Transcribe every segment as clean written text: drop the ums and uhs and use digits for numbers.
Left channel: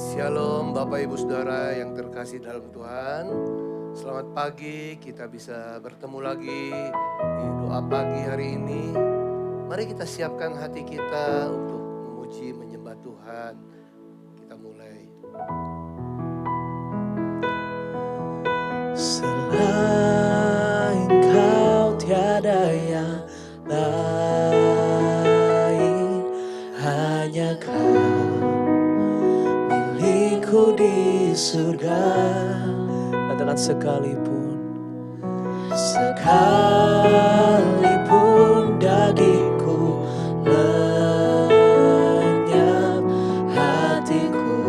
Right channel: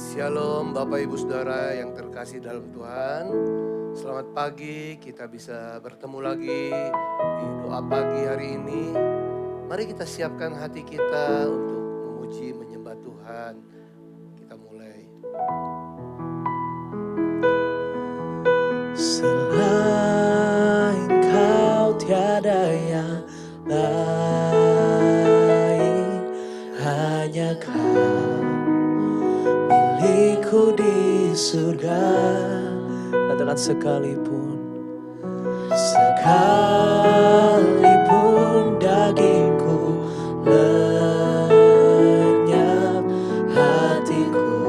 Shalom Bapak Ibu Saudara yang terkasih dalam Tuhan. Selamat pagi, kita bisa bertemu lagi di doa pagi hari ini. Mari kita siapkan hati kita untuk memuji menyembah Tuhan. Kita mulai. Selain Kau tiada yang lain, hanya Kau milikku di surga. Katakan sekalipun dagingku lenyap, hatiku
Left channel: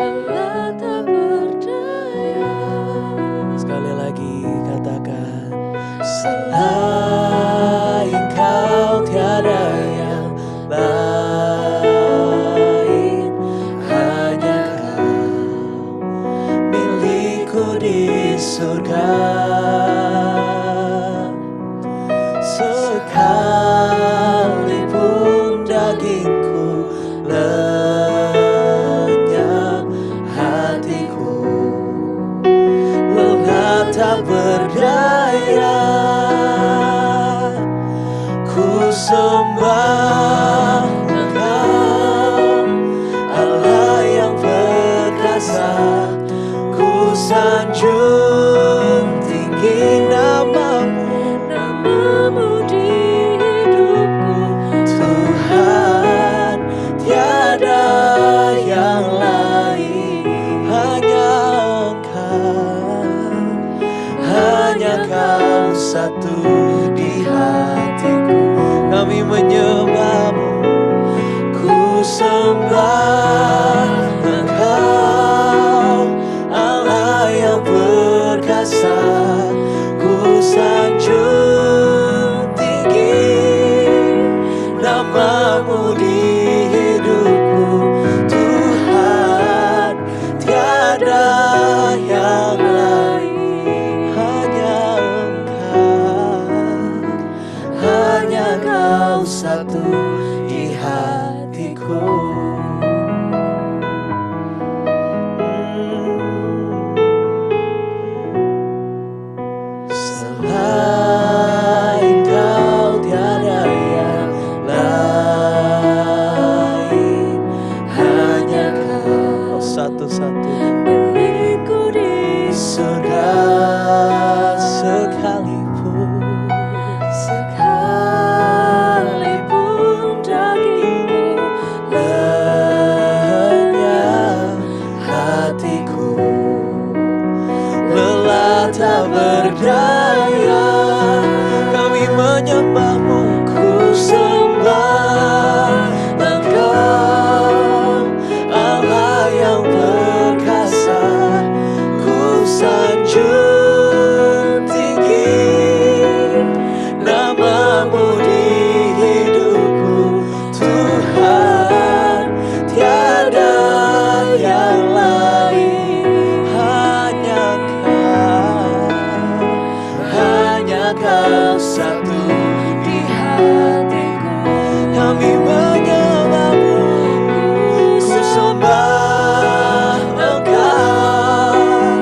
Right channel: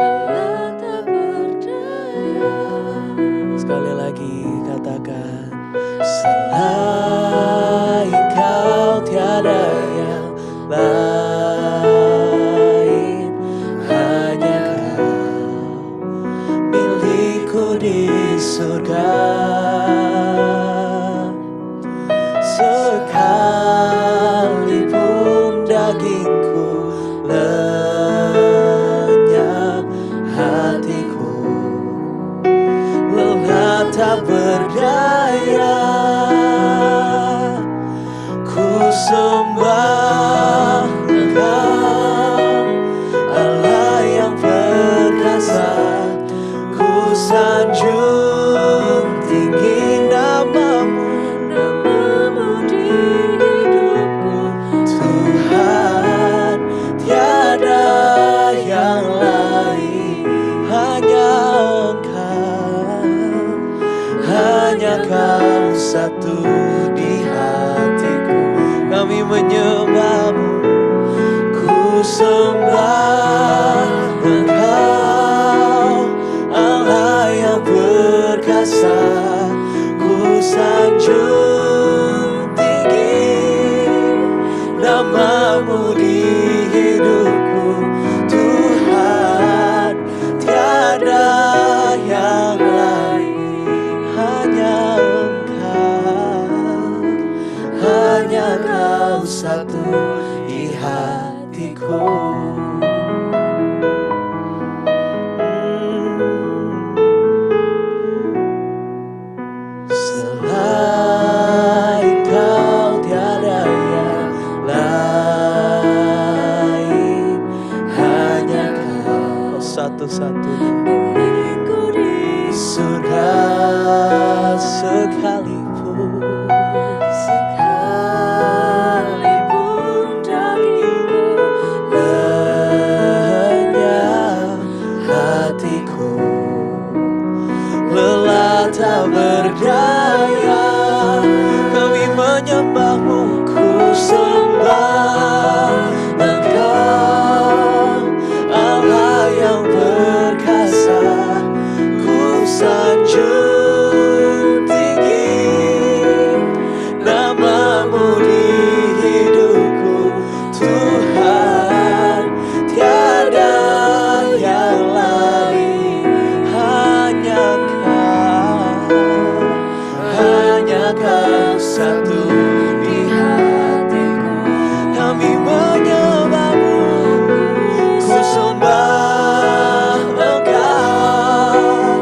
lelah tak berdaya. Sekali lagi katakan, selain Kau tiada yang lain, hanya Kau milikku di surga. Sekalipun dagingku lenyap, hatiku lelah tak berdaya. Ku sembah Engkau, Allah yang perkasa. Ku sanjung tinggi namamu di hidupku. Tuhan, tiada yang lain, hanya Engkau, hanya Kau satu di hatiku. Kami menyembah-Mu, ku sembah Engkau, Allah yang perkasa. Ku sanjung tinggi namamu di hidupku. Tuhan, tiada yang lain, hanya Engkau, hanya Kau satu di hatiku. Selain Kau tiada yang lain, hanya Kau satu-satunya milikku di surga. Sekalipun dagingku lenyap, hatiku lelah tak berdaya. Kami menyembah-Mu, ku sembah Engkau, Allah yang perkasa. Ku sanjung tinggi namamu di hidupku. Tuhan, tiada yang lain, hanya Kau satu di hatiku. Kami menyembah-Mu, ku sembah Engkau,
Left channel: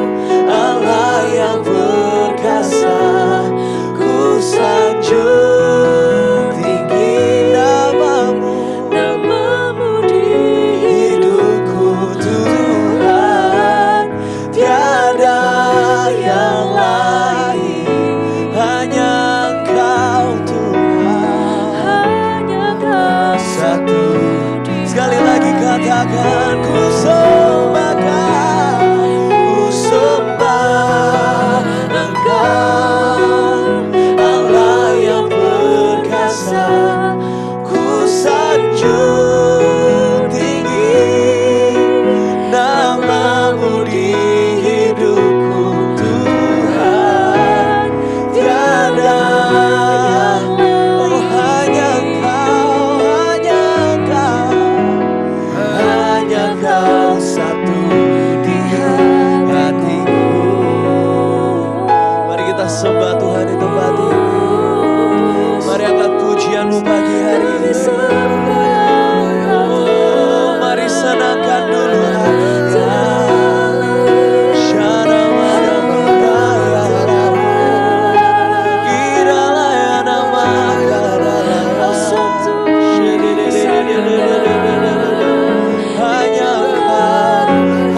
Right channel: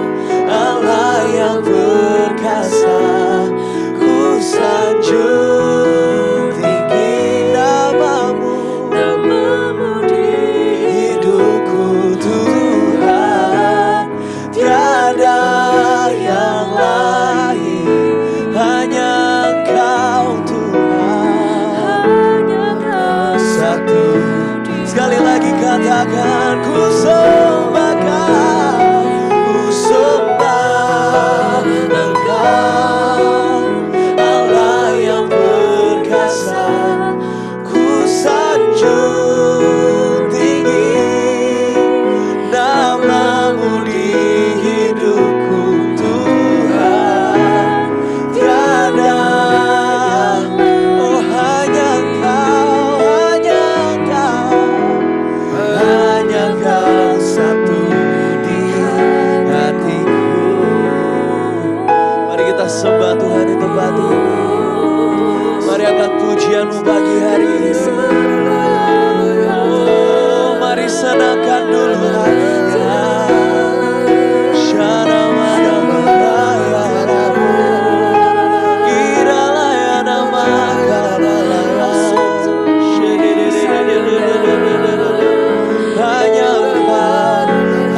Allah yang perkasa. Ku sanjung tinggi namamu di hidupku. Tuhan, tiada yang lain, hanya Engkau Tuhan, hanya Kau satu. Sekali lagi katakan, ku sembah Kau, ku sembah Engkau, Allah yang perkasa. Ku sanjung tinggi namamu di hidupku. Tuhan, tiada yang lain, oh hanya Kau, hanya Kau satu di hatiku. Mari kita sembah Tuhan di tempat ini. Mari angkat pujian-Mu pagi hari ini. Oh, mari Mari senangkan dulu hatinya.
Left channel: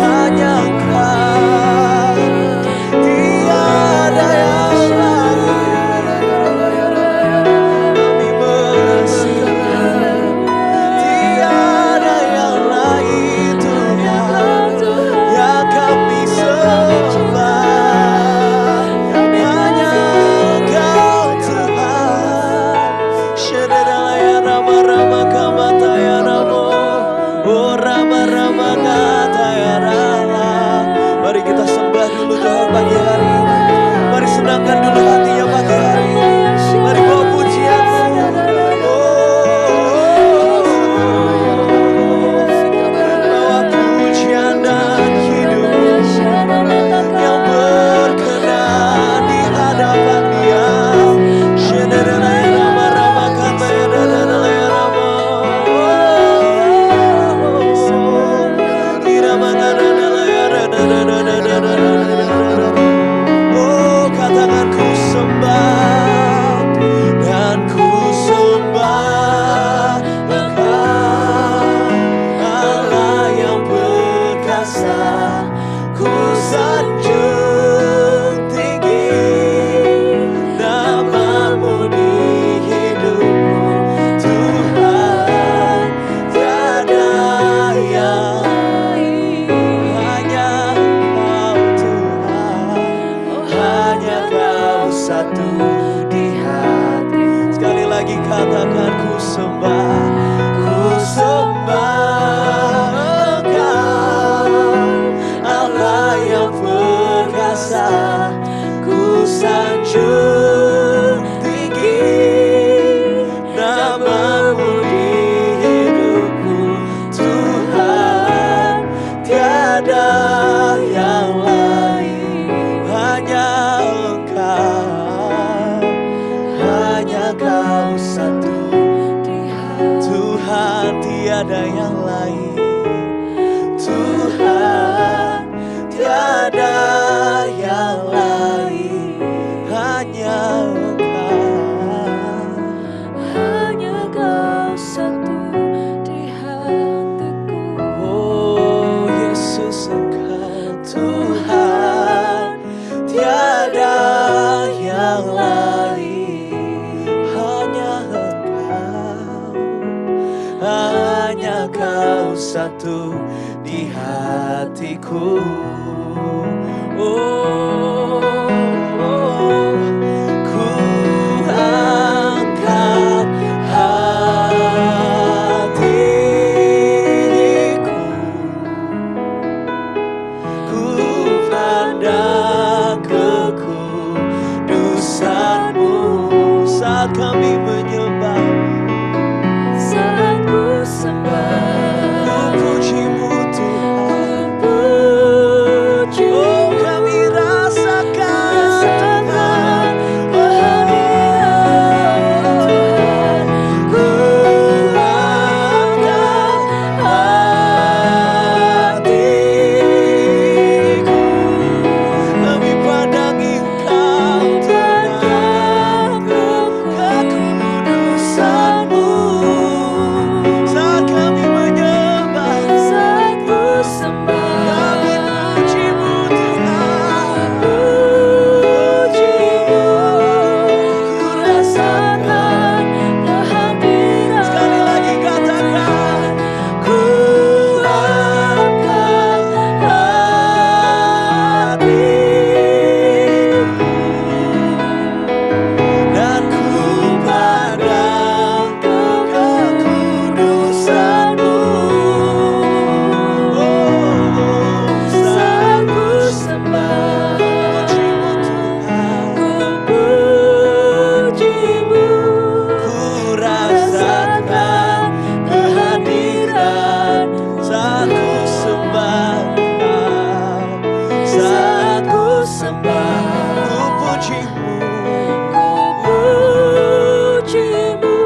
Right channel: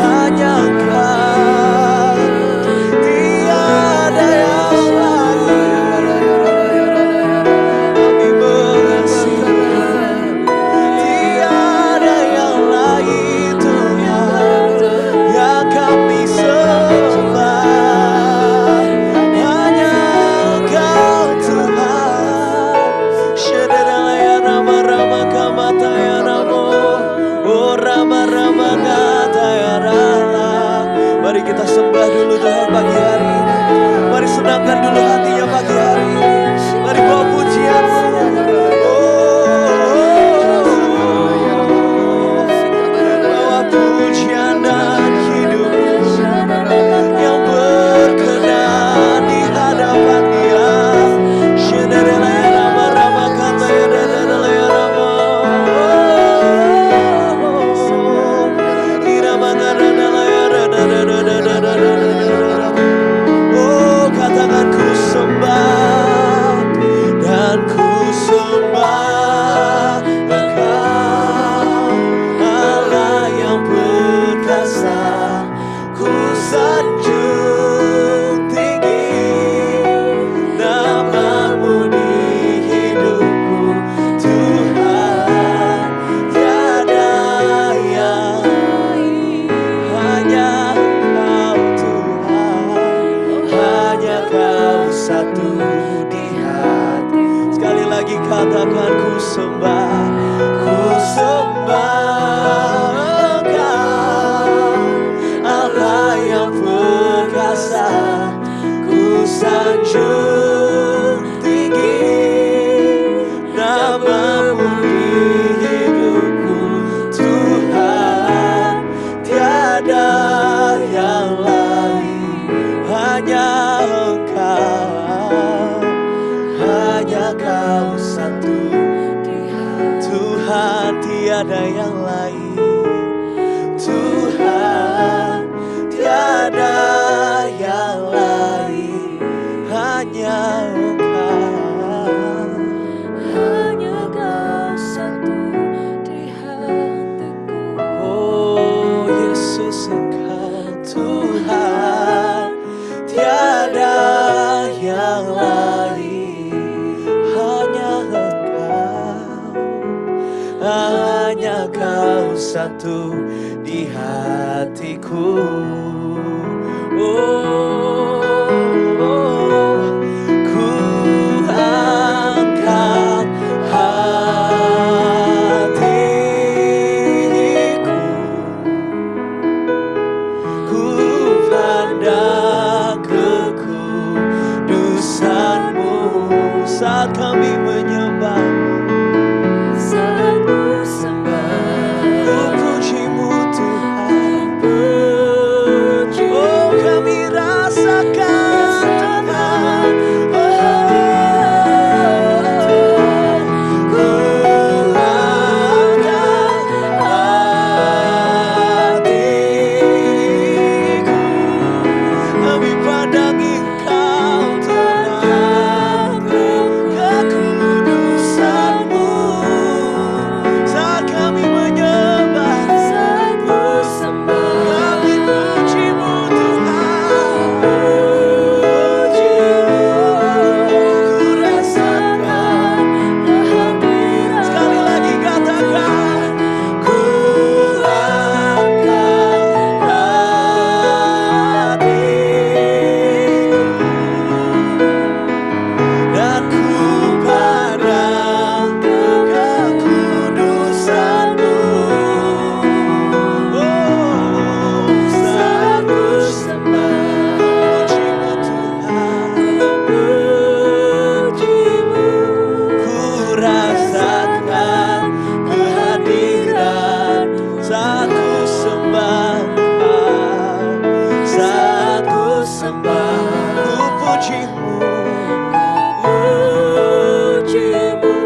Hanya Engkau, tiada yang lain. Kami mengasihi, tiada yang lain Tuhan yang kami sembah. Hanya Engkau Tuhan. Shederalaya rama-rama kamataya ramo. Oh rama-rama kataya rala. Mari kita sembah dulu Tuhan pagi hari ini. Mari senangkan dulu hatinya pagi hari ini. Mari bawa pujian-Mu. Bawa pujian dan hidup-Mu yang berkenan di hadapan Dia. Shederalaya rama-rama kataya dadalaya rama. Oh katakan ku sembah dan ku sembah Engkau Allah yang perkasa. Ku sanjung tinggi nama-Mu di hidupku Tuhan. Tiada yang hanya Engkau Tuhan, hanya Kau satu di hati. Sekali lagi katakan ku sembah Engkau Allah yang perkasa. Ku sanjung tinggi nama-Mu di hidupku Tuhan. Tiada yang lain, hanya Engkau, hanya Kau satu di hati. Tuhan tiada yang lain, Tuhan tiada yang lain, hanya Engkau, hanya Kau satu di hatiku. Oh Yesus Engkau Tuhan, tiada yang lain, hanya Engkau, hanya Kau satu di hatiku. Oh, ku angkat hatiku, ku pandang kekudusan-Mu saat kami menyembah-Mu. Saat ku sembah, Ku puji-Mu Tuhan. ku puji. Oh kami rasakan Tuhan. Oh ku angkat hatiku, kami pandang Engkau Tuhan, kekudusan-Mu saat kami menyembah. Saat ku sembah, Kami puji-Mu Tuhan, puji-Mu. Ku rasakan kehadiran. sekali lagi katakan, ku angkat hatiku dan ku pandang kekudusan-Mu. Oh, Saat ku sembah, puji-Mu Tuhan, ku puji-Mu. ku rasakan kehadiran saat ku sembah Kau, saat ku sembah, ku puji-Mu, Puji-Mu.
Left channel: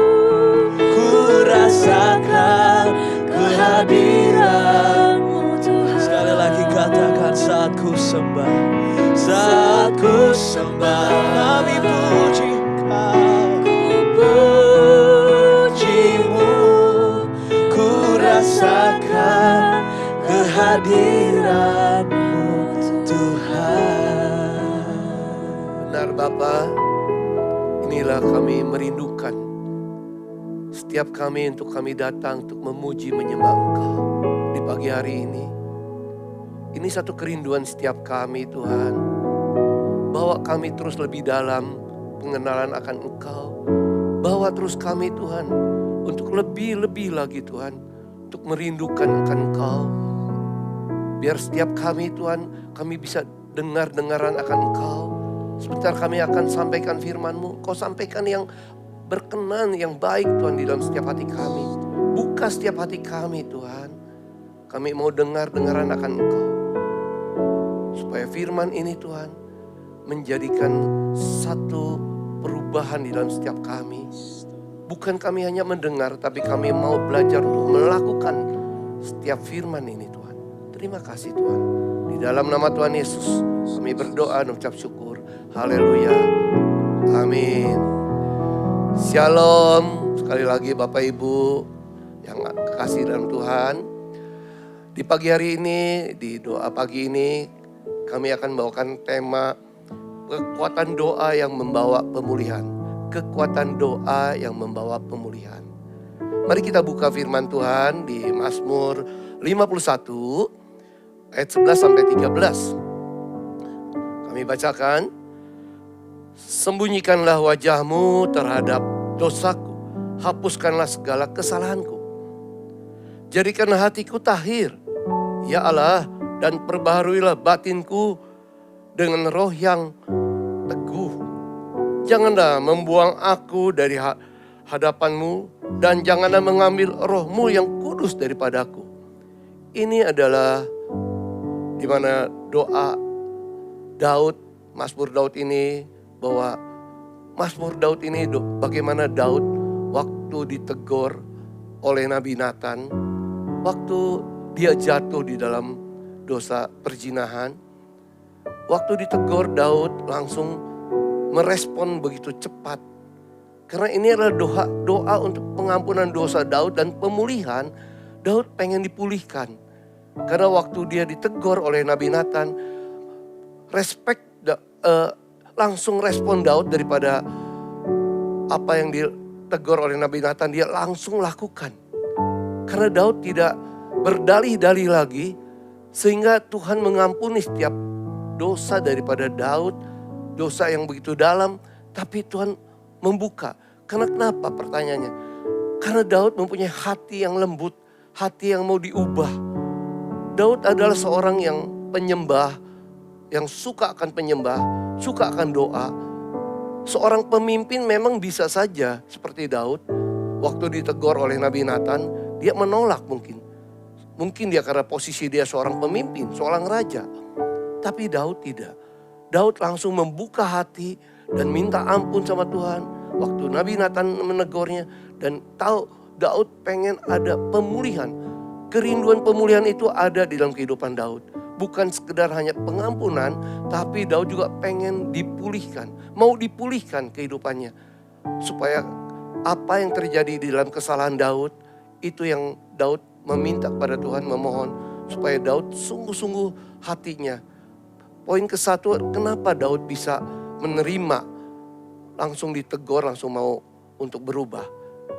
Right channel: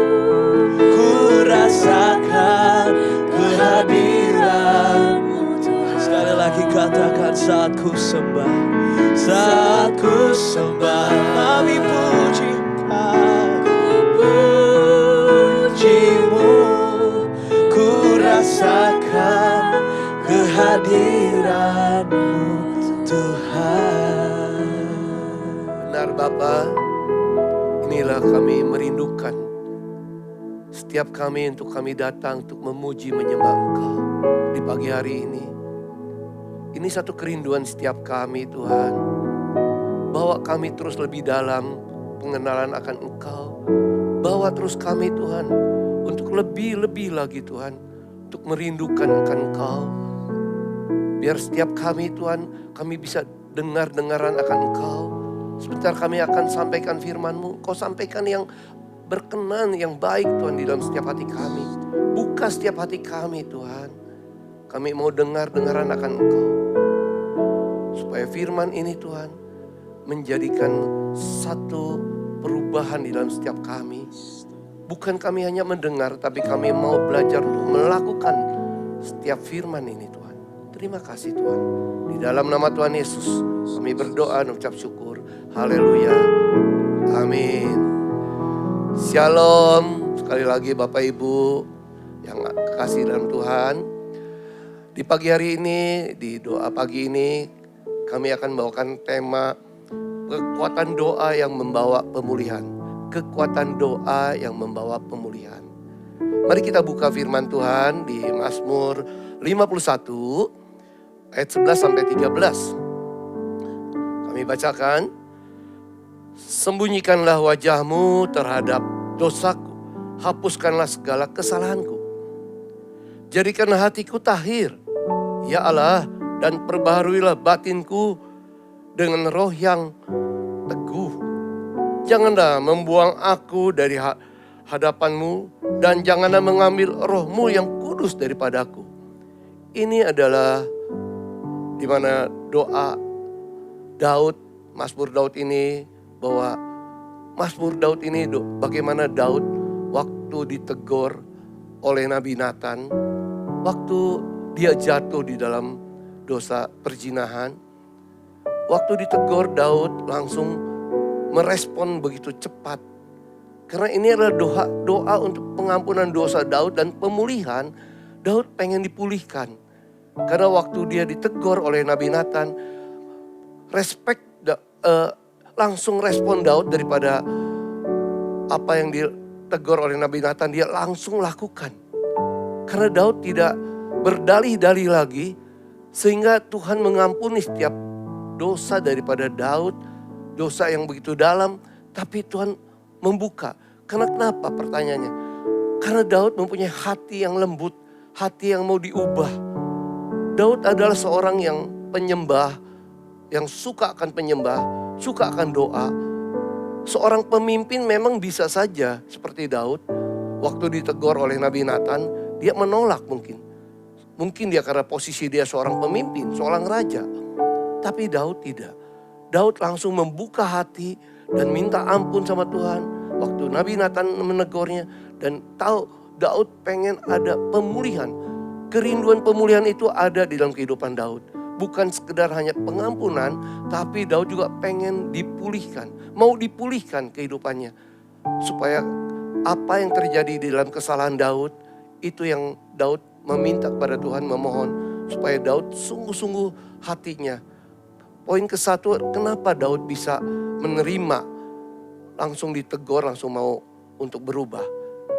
ku rasakan kehadiran-Mu Tuhan. Sekali lagi katakan saat ku sembah, saat ku sembah, kami puji Engkau. Pujimu, ku rasakan kehadiran-Mu Tuhan. Benar Bapa, inilah kami merindukan setiap kami untuk kami datang untuk memuji menyembah Engkau di pagi hari ini. Ini satu kerinduan setiap kami Tuhan, bawa kami terus lebih dalam pengenalan akan Engkau. Bawa terus kami Tuhan untuk lebih-lebih lagi Tuhan, untuk merindukan akan Engkau. Biar setiap kami Tuhan, kami bisa dengar-dengaran akan Engkau. Sebentar kami akan sampaikan firman-Mu. Kau sampaikan yang berkenan, yang baik Tuhan di dalam setiap hati kami. Buka setiap hati kami Tuhan. Kami mau dengar-dengaran akan Engkau. Supaya firman ini Tuhan menjadikan satu perubahan di dalam setiap kami. Bukan kami hanya mendengar, tapi kami mau belajar untuk melakukan setiap firman ini Tuhan. Terima kasih Tuhan. Di dalam nama Tuhan Yesus kami berdoa dan ucap syukur. Haleluya. Amin. Shalom. Sekali lagi Bapak Ibu yang kasih dalam Tuhan. Di pagi hari ini, di doa pagi ini, kami akan bawakan tema kekuatan doa yang membawa pemulihan. Kekuatan doa yang membawa pemulihan. Mari kita buka firman Tuhan di Mazmur 51 ayat 11 sampai 13. Kami bacakan. Sembunyikanlah wajahmu terhadap dosaku. Hapuskanlah segala kesalahanku. Jadikanlah hatiku tahir. Ya Allah, dan perbaharuilah batinku dengan roh yang teguh. Janganlah membuang aku dari hadapan-Mu dan janganlah mengambil roh-Mu yang kudus daripadaku. Ini adalah di mana doa Daud, Mazmur Daud ini, bahwa Mazmur Daud ini bagaimana Daud waktu ditegur oleh Nabi Nathan, waktu dia jatuh di dalam dosa perzinahan. Waktu ditegur Daud langsung merespon begitu cepat. Karena ini adalah doa untuk pengampunan dosa Daud dan pemulihan. Daud pengen dipulihkan. Karena waktu dia ditegur oleh Nabi Nathan, langsung respon Daud daripada apa yang ditegur oleh Nabi Nathan, dia langsung lakukan. Karena Daud tidak berdalih-dalih lagi, sehingga Tuhan mengampuni setiap dosa daripada Daud, dosa yang begitu dalam, tapi Tuhan membuka. Karena kenapa pertanyaannya? Karena Daud mempunyai hati yang lembut, hati yang mau diubah. Daud adalah seorang yang penyembah, yang suka akan penyembah, suka akan doa. Seorang pemimpin memang bisa saja seperti Daud, waktu ditegur oleh Nabi Nathan, dia menolak mungkin. Mungkin dia karena posisi dia seorang pemimpin, seorang raja. Tapi Daud tidak. Daud langsung membuka hati dan minta ampun sama Tuhan. Waktu Nabi Nathan menegurnya dan tahu Daud pengen ada pemulihan. Kerinduan pemulihan itu ada di dalam kehidupan Daud. Bukan sekedar hanya pengampunan, tapi Daud juga pengen dipulihkan. Mau dipulihkan kehidupannya. Supaya apa yang terjadi di dalam kesalahan Daud, itu yang Daud meminta kepada Tuhan, memohon supaya Daud sungguh-sungguh hatinya. Poin ke-1, kenapa Daud bisa menerima, langsung ditegur, langsung mau untuk berubah.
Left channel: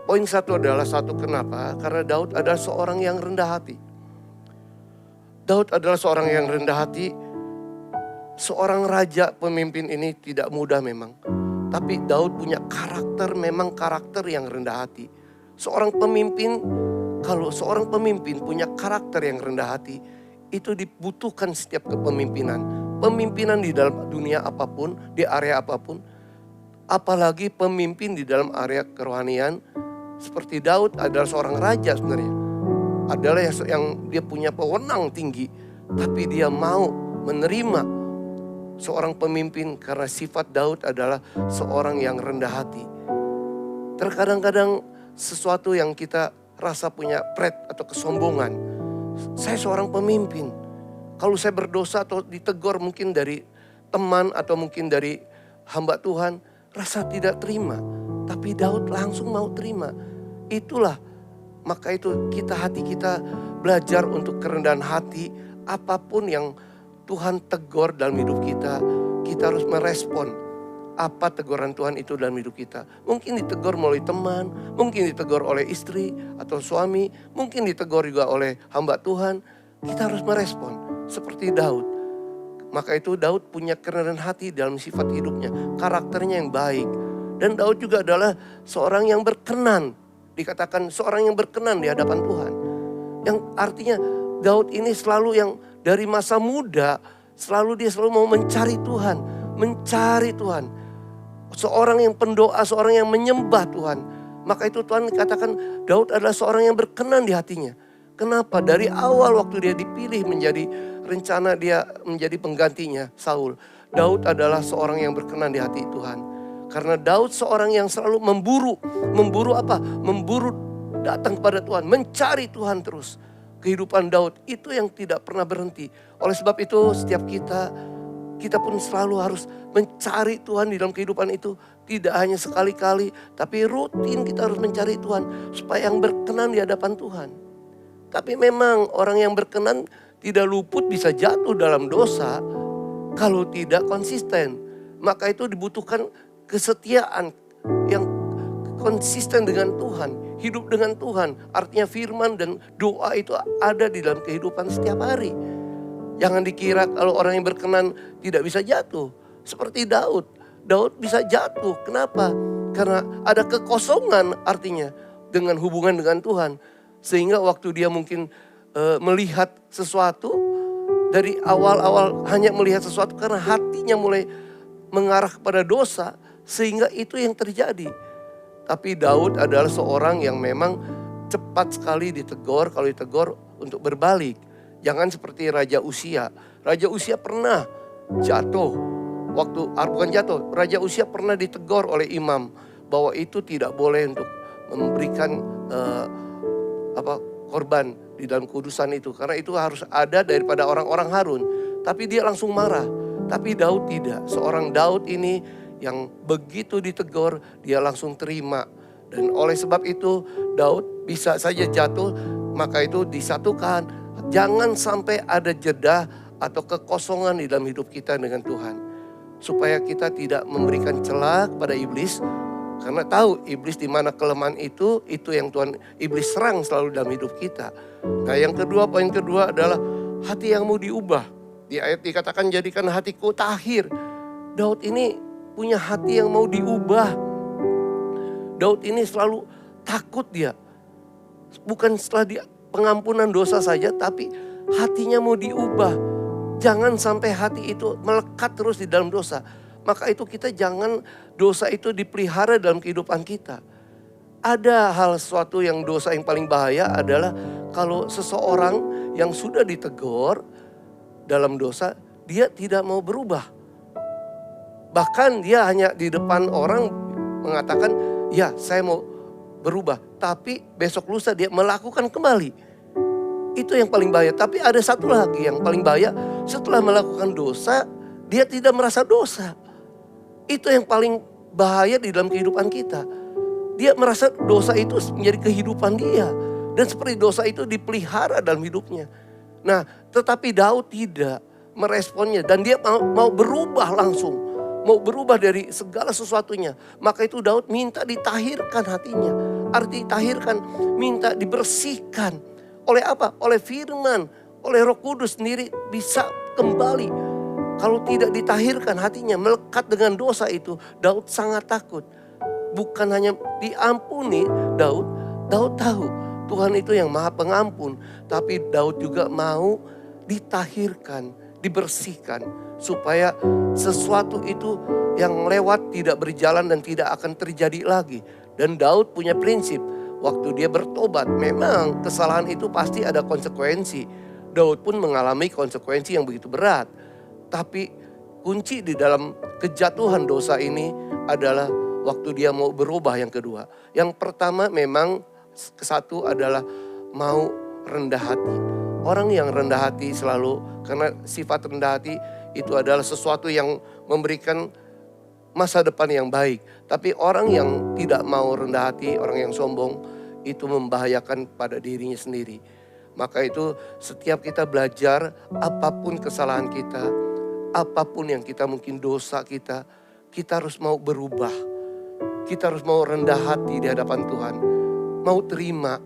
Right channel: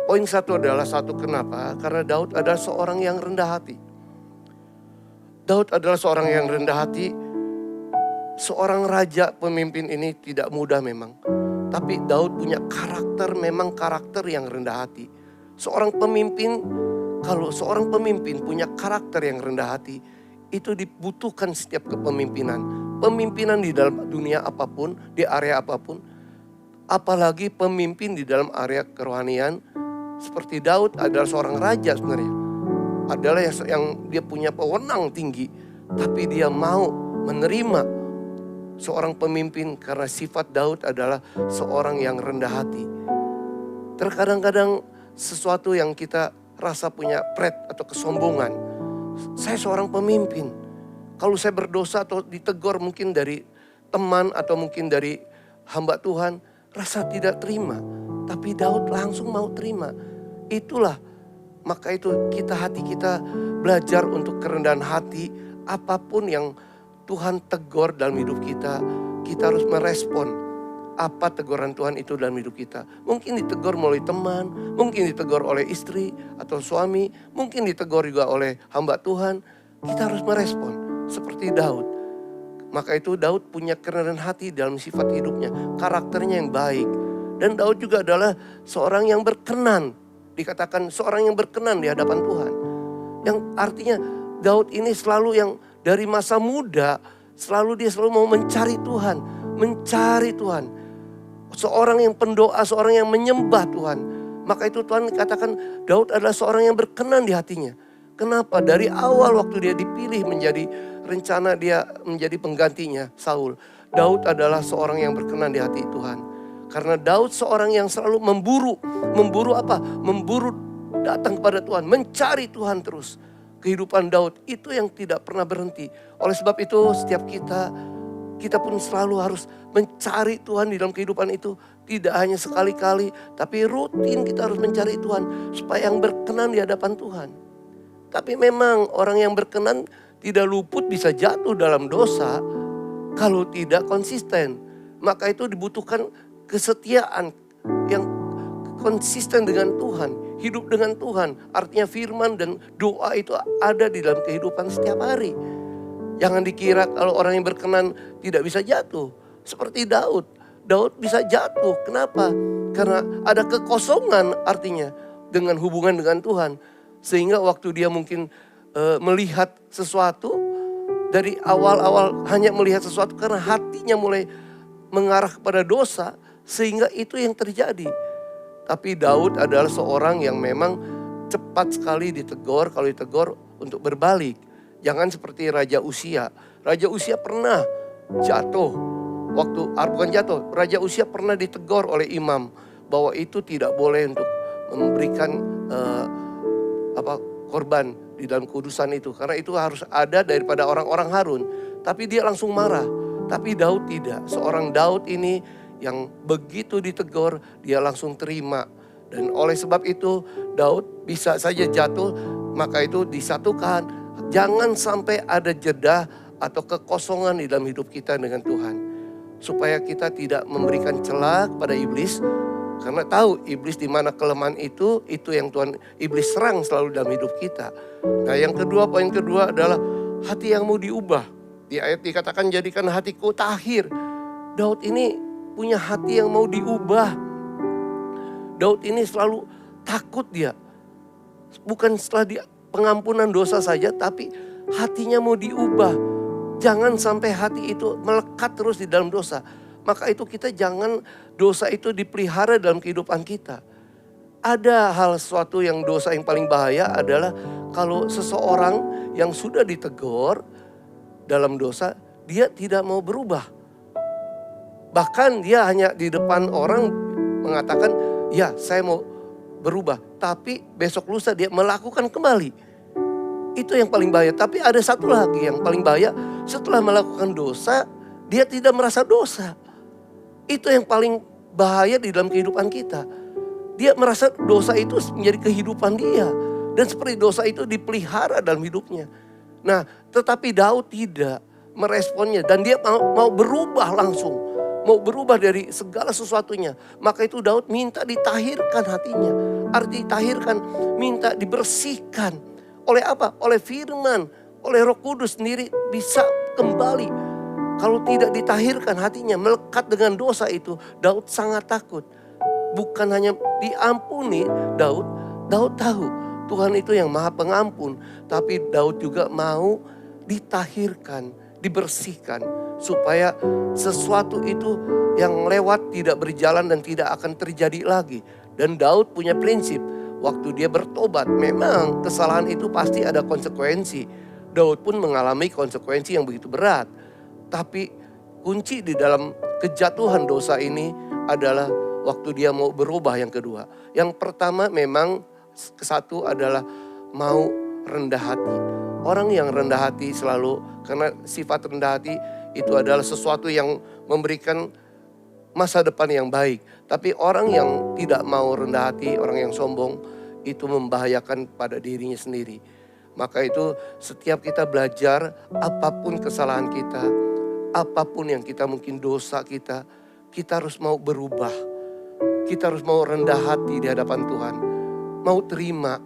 Poin 1 adalah kenapa? Karena Daud adalah seorang yang rendah hati. Daud adalah seorang yang rendah hati. Seorang raja pemimpin ini tidak mudah memang. Tapi Daud punya karakter, memang karakter yang rendah hati. Seorang pemimpin, kalau seorang pemimpin punya karakter yang rendah hati, itu dibutuhkan setiap kepemimpinan. Pemimpinan di dalam dunia apapun, di area apapun. Apalagi pemimpin di dalam area kerohanian. Seperti Daud adalah seorang raja sebenarnya. Adalah yang dia punya wewenang tinggi. Tapi dia mau menerima seorang pemimpin karena sifat Daud adalah seorang yang rendah hati. Terkadang-kadang sesuatu yang kita rasa punya pride atau kesombongan. Saya seorang pemimpin. Kalau saya berdosa atau ditegur mungkin dari teman atau mungkin dari hamba Tuhan, rasa tidak terima. Tapi Daud langsung mau terima. Itulah, maka itu hati kita belajar untuk kerendahan hati. Apapun yang Tuhan tegur dalam hidup kita harus merespon apa teguran Tuhan itu dalam hidup kita. Mungkin ditegur melalui teman, mungkin ditegur oleh istri atau suami, mungkin ditegur juga oleh hamba Tuhan. Kita harus merespon seperti Daud. Maka itu Daud punya kerendahan hati dalam sifat hidupnya, karakternya yang baik. Dan Daud juga adalah seorang yang berkenan. Dikatakan seorang yang berkenan di hadapan Tuhan. Yang artinya Daud ini selalu yang dari masa muda, dia selalu mau mencari Tuhan. Mencari Tuhan. Seorang yang pendoa, seorang yang menyembah Tuhan. Maka itu Tuhan katakan Daud adalah seorang yang berkenan di hatinya. Kenapa? Dari awal waktu dia dipilih menjadi rencana dia menjadi penggantinya Saul. Daud adalah seorang yang berkenan di hati Tuhan. Karena Daud seorang yang selalu memburu apa? Memburu datang kepada Tuhan, mencari Tuhan terus. Kehidupan Daud itu yang tidak pernah berhenti. Oleh sebab itu setiap kita pun selalu harus mencari Tuhan di dalam kehidupan itu. Tidak hanya sekali-kali, tapi rutin kita harus mencari Tuhan. Supaya yang berkenan di hadapan Tuhan. Tapi memang orang yang berkenan tidak luput bisa jatuh dalam dosa. Kalau tidak konsisten. Maka itu dibutuhkan kesetiaan yang konsisten dengan Tuhan. Hidup dengan Tuhan. Artinya firman dan doa itu ada di dalam kehidupan setiap hari. Jangan dikira kalau orang yang berkenan tidak bisa jatuh. Seperti Daud. Daud bisa jatuh. Kenapa? Karena ada kekosongan artinya dengan hubungan dengan Tuhan. Sehingga waktu dia mungkin melihat sesuatu. Dari awal-awal hanya melihat sesuatu karena hatinya mulai mengarah kepada dosa. Sehingga itu yang terjadi. Tapi Daud adalah seorang yang memang cepat sekali ditegur. Kalau ditegur untuk berbalik. Jangan seperti Raja Usia. Raja Usia pernah jatuh. Bukan jatuh. Raja Usia pernah ditegur oleh imam. Bahwa itu tidak boleh untuk memberikan korban di dalam kudusan itu. Karena itu harus ada daripada orang-orang Harun. Tapi dia langsung marah. Tapi Daud tidak. Seorang Daud ini yang begitu ditegur, dia langsung terima. Dan oleh sebab itu Daud bisa saja jatuh, maka itu disatukan. Jangan sampai ada jeda atau kekosongan di dalam hidup kita dengan Tuhan. Supaya kita tidak memberikan celah kepada iblis. Karena tahu iblis di mana kelemahan itu yang Tuhan iblis serang selalu dalam hidup kita. Nah poin kedua adalah hati yang mau diubah. Di ayat dikatakan jadikan hatiku tahir. Daud ini punya hati yang mau diubah. Daud ini selalu takut dia. Bukan setelah dia pengampunan dosa saja, tapi hatinya mau diubah. Jangan sampai hati itu melekat terus di dalam dosa. Maka itu kita jangan dosa itu dipelihara dalam kehidupan kita. Ada sesuatu yang dosa yang paling bahaya adalah kalau seseorang yang sudah ditegur dalam dosa, dia tidak mau berubah. Bahkan dia hanya di depan orang mengatakan, ya saya mau berubah. Tapi besok lusa dia melakukan kembali. Itu yang paling bahaya. Tapi ada satu lagi yang paling bahaya. Setelah melakukan dosa, dia tidak merasa dosa. Itu yang paling bahaya di dalam kehidupan kita. Dia merasa dosa itu menjadi kehidupan dia. Dan seperti dosa itu dipelihara dalam hidupnya. Nah, tetapi Daud tidak meresponnya. Dan dia mau berubah langsung. Mau berubah dari segala sesuatunya. Maka itu Daud minta ditahirkan hatinya. Arti tahirkan, minta dibersihkan. Oleh apa? Oleh firman. Oleh Roh Kudus sendiri bisa kembali. Kalau tidak ditahirkan hatinya, melekat dengan dosa itu, Daud sangat takut. Bukan hanya diampuni Daud tahu Tuhan itu yang Maha Pengampun. Tapi Daud juga mau ditahirkan, dibersihkan. Supaya sesuatu itu yang lewat tidak berjalan dan tidak akan terjadi lagi. Dan Daud punya prinsip. Waktu dia bertobat, memang kesalahan itu pasti ada konsekuensi. Daud pun mengalami konsekuensi yang begitu berat. Tapi kunci di dalam kejatuhan dosa ini adalah waktu dia mau berubah yang kedua. Yang pertama memang kesatu adalah mau rendah hati. Orang yang rendah hati selalu, karena sifat rendah hati itu adalah sesuatu yang memberikan masa depan yang baik. Tapi orang yang tidak mau rendah hati, orang yang sombong, itu membahayakan pada dirinya sendiri. Maka itu setiap kita belajar, apapun kesalahan kita, apapun yang kita mungkin dosa kita harus mau berubah. Kita harus mau rendah hati di hadapan Tuhan. Mau terima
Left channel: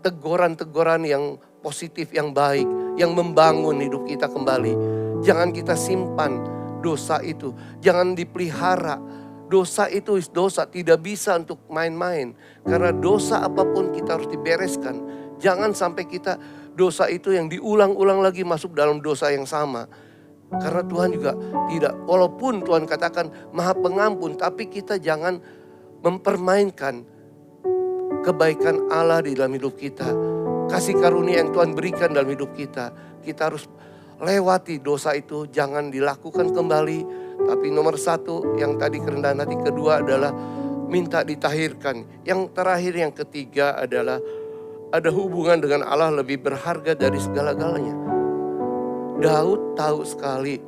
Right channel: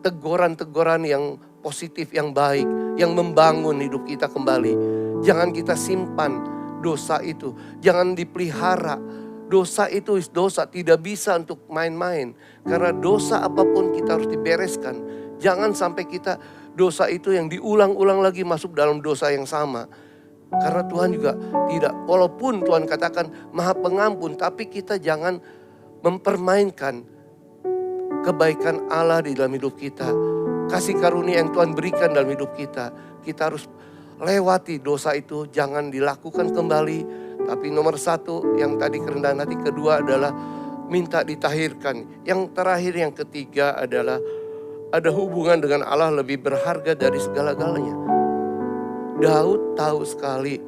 teguran-teguran yang positif, yang baik, yang membangun hidup kita kembali. Jangan kita simpan dosa itu, jangan dipelihara. Dosa itu dosa, tidak bisa untuk main-main. Karena dosa apapun kita harus dibereskan. Jangan sampai kita dosa itu yang diulang-ulang lagi masuk dalam dosa yang sama. Karena Tuhan juga tidak, walaupun Tuhan katakan Maha Pengampun, tapi kita jangan mempermainkan kebaikan Allah di dalam hidup kita. Kasih karunia yang Tuhan berikan dalam hidup kita. Kita harus lewati dosa itu, jangan dilakukan kembali. Tapi nomor satu yang tadi kerendahan hati, kedua adalah minta ditahirkan. Yang terakhir, yang ketiga adalah ada hubungan dengan Allah lebih berharga dari segala-galanya. Daud tahu sekali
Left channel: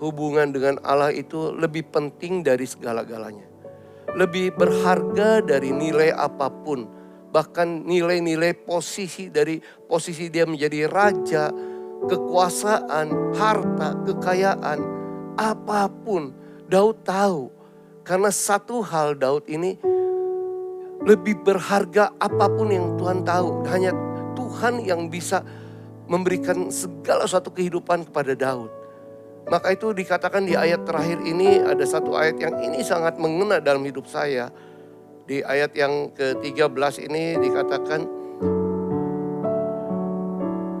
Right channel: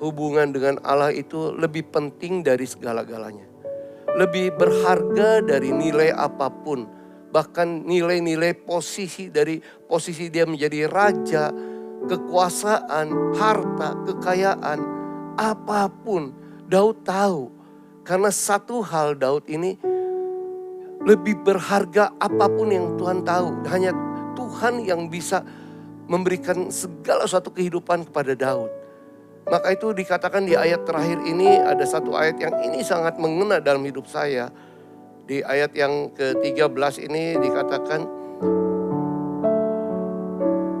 hubungan dengan Allah itu lebih penting dari segala-galanya. Lebih berharga dari nilai apapun. Bahkan nilai-nilai posisi, dari posisi dia menjadi raja, kekuasaan, harta, kekayaan, apapun Daud tahu. Karena satu hal, Daud ini lebih berharga apapun yang Tuhan tahu. Hanya Tuhan yang bisa memberikan segala suatu kehidupan kepada Daud. Maka itu dikatakan di ayat terakhir ini, ada satu ayat yang ini sangat mengena dalam hidup saya. Di ayat yang ke-13 ini dikatakan,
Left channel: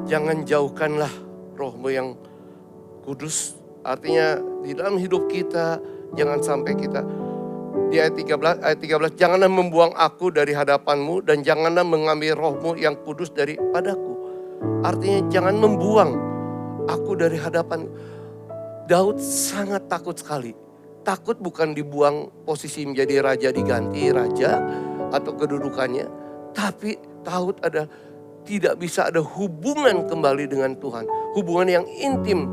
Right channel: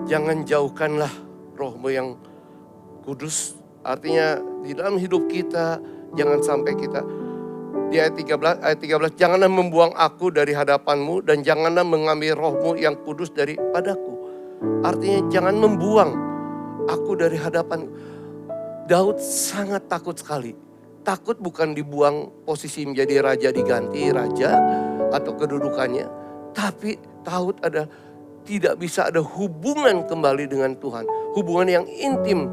jangan jauhkanlah Roh-Mu yang kudus. Artinya di dalam hidup kita jangan sampai kita, di ayat 13, janganlah membuang aku dari hadapan-Mu dan janganlah mengambil Roh-Mu yang kudus daripadaku. Artinya jangan membuang aku dari hadapan. Daud sangat takut sekali. Takut bukan dibuang posisi menjadi raja, diganti raja atau kedudukannya. Tapi Daud tidak bisa ada hubungan kembali dengan Tuhan. Hubungan yang intim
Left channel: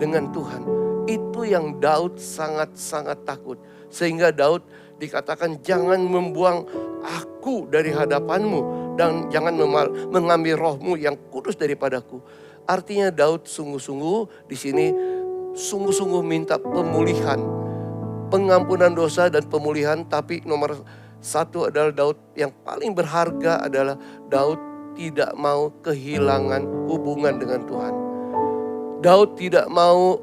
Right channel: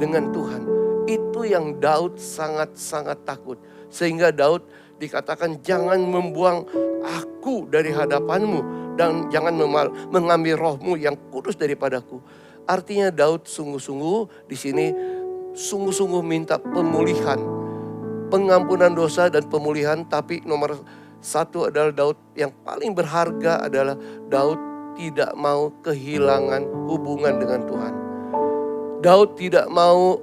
dengan Tuhan. Itu yang Daud sangat-sangat takut. Sehingga Daud dikatakan jangan membuang aku dari hadapan-Mu. Dan jangan mengambil Roh-Mu yang kudus daripadaku. Artinya Daud sungguh-sungguh di sini sungguh-sungguh minta pemulihan. Pengampunan dosa dan pemulihan. Tapi nomor satu adalah Daud yang paling berharga adalah Daud tidak mau kehilangan hubungan dengan Tuhan. Daud tidak mau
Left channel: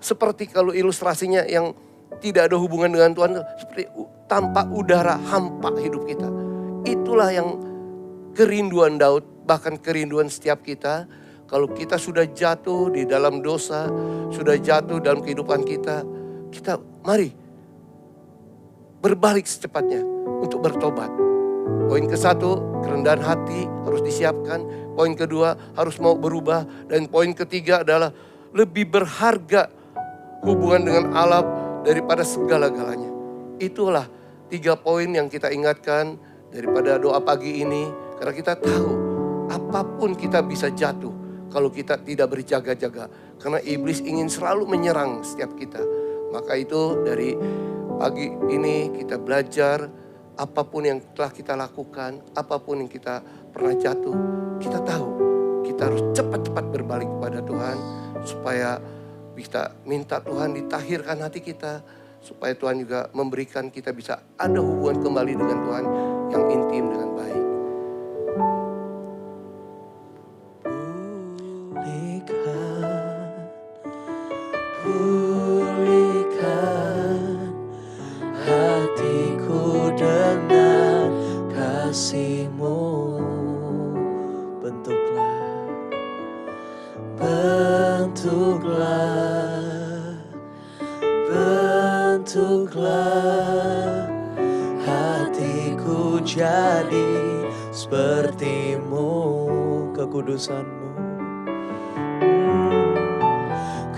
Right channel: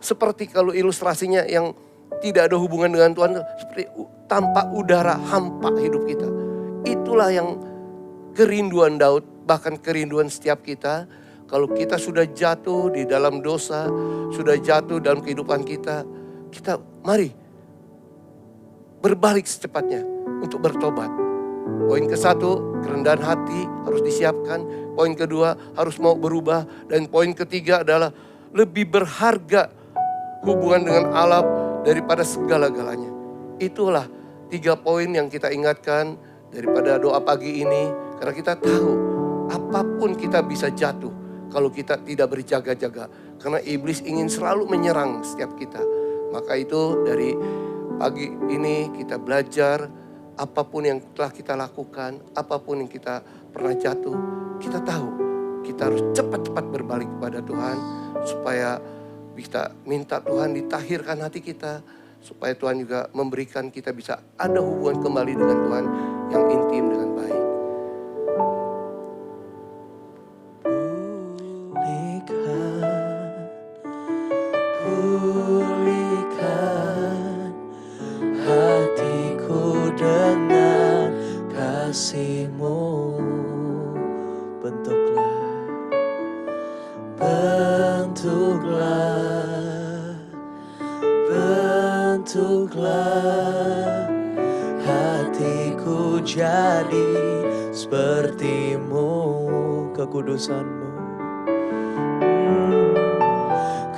seperti kalau ilustrasinya yang tidak ada hubungan dengan Tuhan, seperti tanpa udara hampa hidup kita. Itulah yang kerinduan Daud, bahkan kerinduan setiap kita. Kalau kita sudah jatuh di dalam dosa, sudah jatuh dalam kehidupan kita, kita mari berbalik secepatnya untuk bertobat. Poin ke-1, kerendahan hati harus disiapkan. Poin kedua, harus mau berubah. Dan poin ketiga adalah lebih berharga hubungan dengan Allah daripada segala-galanya. Itulah 3 poin yang kita ingatkan daripada doa pagi ini. Karena kita tahu apapun kita bisa jatuh kalau kita tidak berjaga-jaga. Karena iblis ingin selalu menyerang setiap kita. Maka itu dari pagi ini kita belajar apapun yang telah kita lakukan, apapun yang kita pernah jatuh, kita tahu kita harus cepat-cepat berbalik kepada Tuhan supaya bisa minta Tuhan ditahirkan hati kita, supaya Tuhan juga memberikan kita bisa ada hubungan kembali dengan Tuhan yang intim dengan baik. Pulihkan hatiku dengan kasih-Mu. Bentuklah hatiku jadi seperti-Mu, kekudusan-Mu.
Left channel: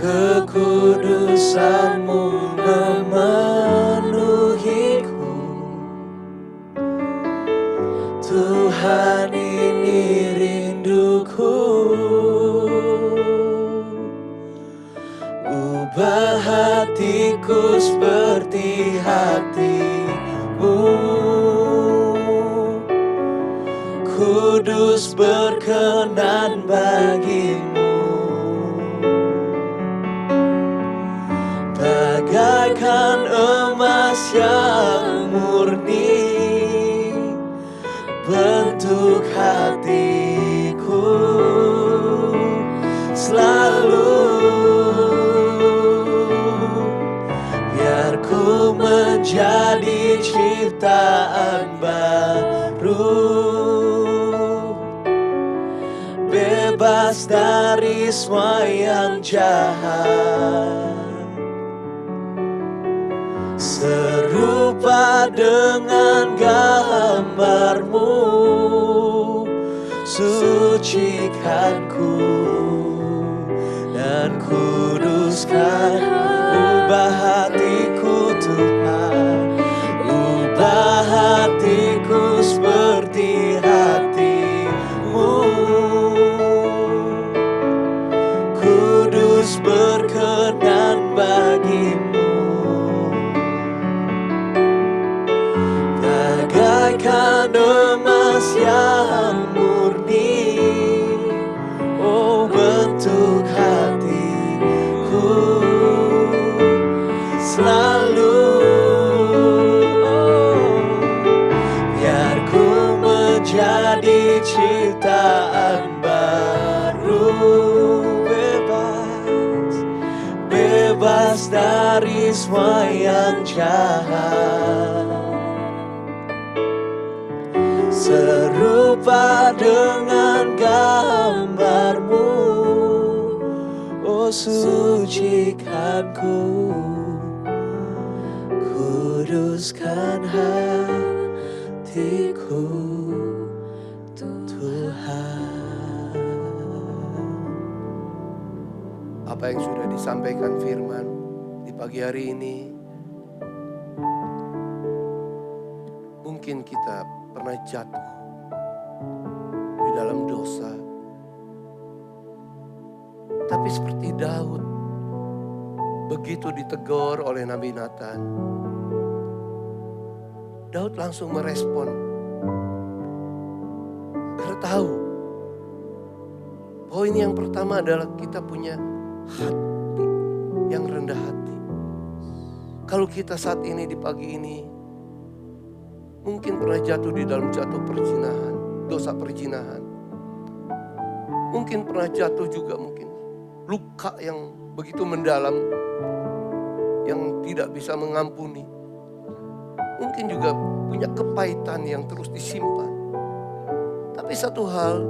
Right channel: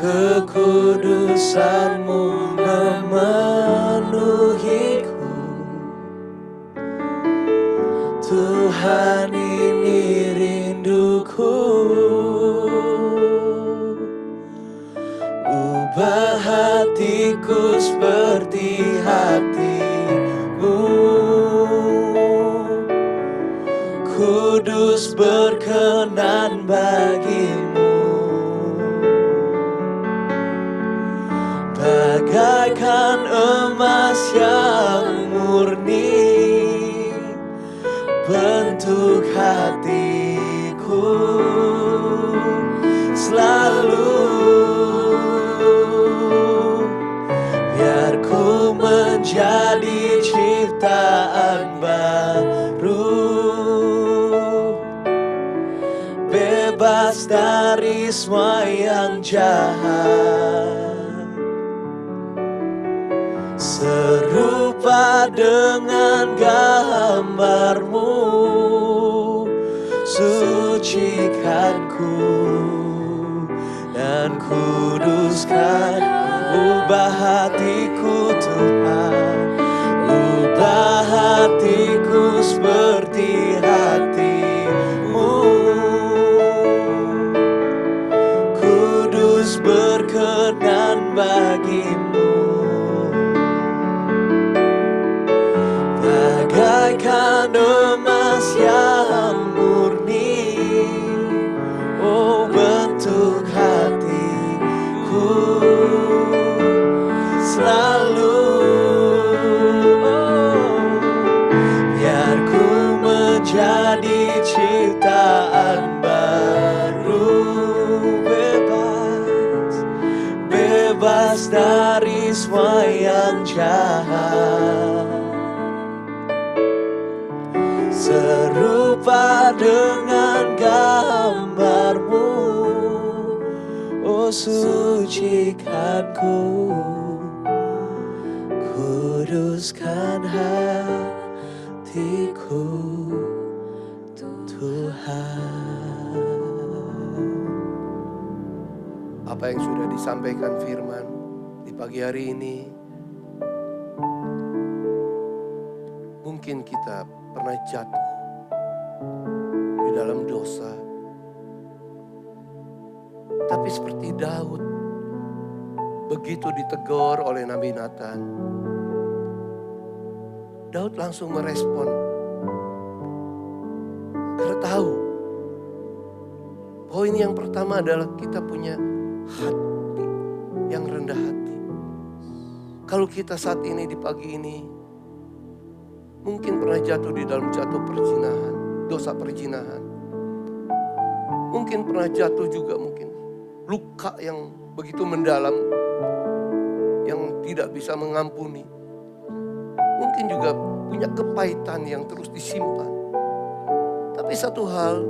Kekudusan-Mu memenuhiku, Tuhan ini rinduku, ubah hatiku seperti hatimu. Kudus berkenan bagimu, bagaikan emas yang murni, bentuk hatiku selalu. Biar ku menjadi ciptaan baru, bebas dari semua yang jahat, serupa dengan gambarmu. Sucikanku dan kuduskan, ubah hatiku Tuhan, ubah hatiku seperti hatimu. Kudus berkenan bagimu, bagaikan emas yang murni, oh bentuk hatiku selalu. Oh, biar ku menjadi ciptaan baru, bebas dari semua yang jahat, serupa dengan gambarmu. Oh sucikanku, kuduskan hatiku Tuhan. Apa yang sudah disampaikan firman di pagi hari ini, mungkin kita pernah jatuh di dalam dosa. Tapi seperti Daud, begitu ditegur oleh Nabi Nathan, Daud langsung merespon. Karena tahu, poin yang pertama adalah kita punya hati yang rendah hati. Kalau kita saat ini di pagi ini mungkin pernah jatuh di dalam perzinahan, dosa perzinahan. Mungkin pernah jatuh juga mungkin luka yang begitu mendalam yang tidak bisa mengampuni. Mungkin juga punya kepahitan yang terus disimpan. Tapi satu hal,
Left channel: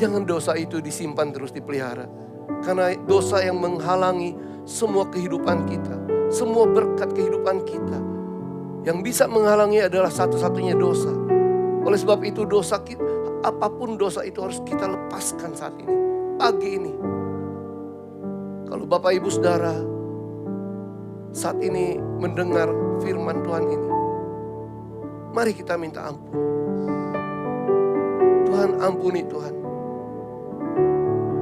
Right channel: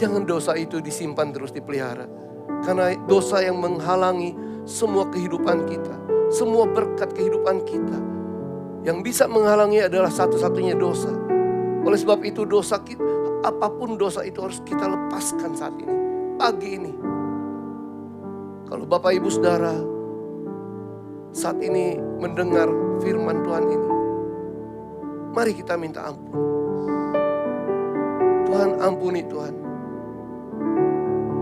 jangan dosa itu disimpan terus dipelihara. Karena dosa yang menghalangi semua kehidupan kita, semua berkat kehidupan kita. Yang bisa menghalangi adalah satu-satunya dosa. Oleh sebab itu dosa kita, apapun dosa itu harus kita lepaskan saat ini, pagi ini. Kalau Bapak Ibu Saudara saat ini mendengar firman Tuhan ini, mari kita minta ampun. Tuhan ampuni Tuhan.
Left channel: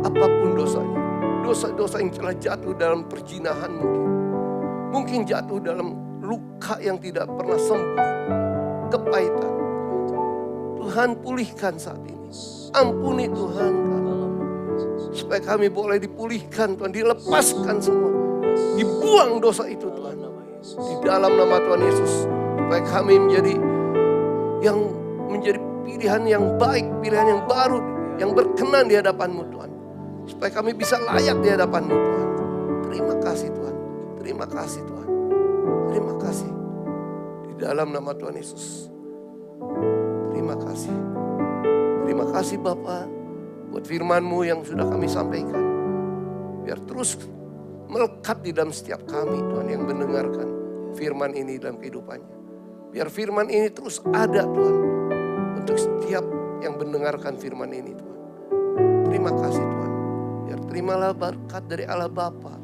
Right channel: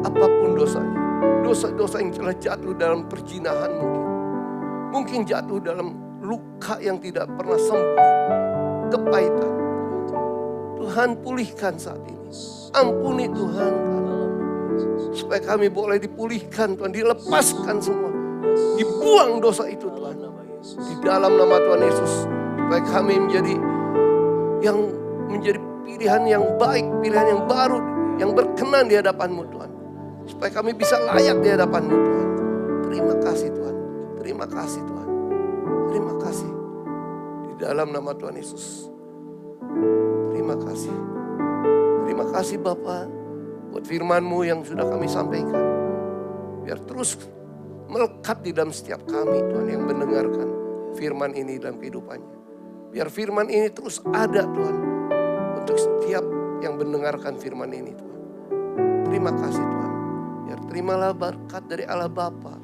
Apapun dosanya. Dosa-dosa yang telah jatuh dalam perzinahan mungkin. Mungkin jatuh dalam luka yang tidak pernah sembuh. Kepahitan. Tuhan pulihkan saat ini. Ampuni Tuhan kami. Supaya kami boleh dipulihkan Tuhan. Dilepaskan semua. Dibuang dosa itu Tuhan. Di dalam nama Tuhan Yesus. Supaya kami menjadi pilihan yang baik. Pilihan yang baru. Yang berkenan di hadapan-Mu Tuhan. Supaya kami bisa layak di hadapan-Mu Tuhan. Terima kasih Tuhan. Terima kasih Tuhan. Terima kasih. Di dalam nama Tuhan Yesus. Terima kasih. Terima kasih Bapa buat firman-Mu yang sudah kami sampaikan. Biar terus melekat di dalam setiap kami Tuhan yang mendengarkan firman ini dalam kehidupannya. Biar firman ini terus ada Tuhan. Untuk setiap yang mendengarkan firman ini Tuhan. Terima kasih Tuhan. Biar terimalah berkat dari Allah Bapa,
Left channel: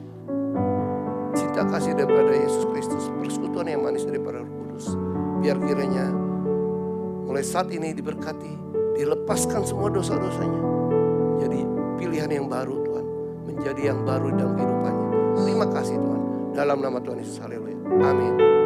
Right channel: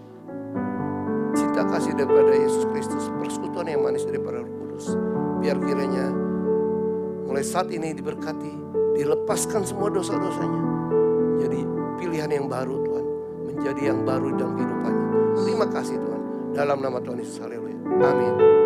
cinta kasih daripada Yesus Kristus, persekutuan yang manis daripada Roh Kudus. Biar kiranya mulai saat ini diberkati, dilepaskan semua dosa-dosanya. Jadi pilihan yang baru Tuhan, menjadi yang baru dalam kehidupannya. Terima kasih Tuhan, dalam nama Tuhan Yesus, haleluya, amin.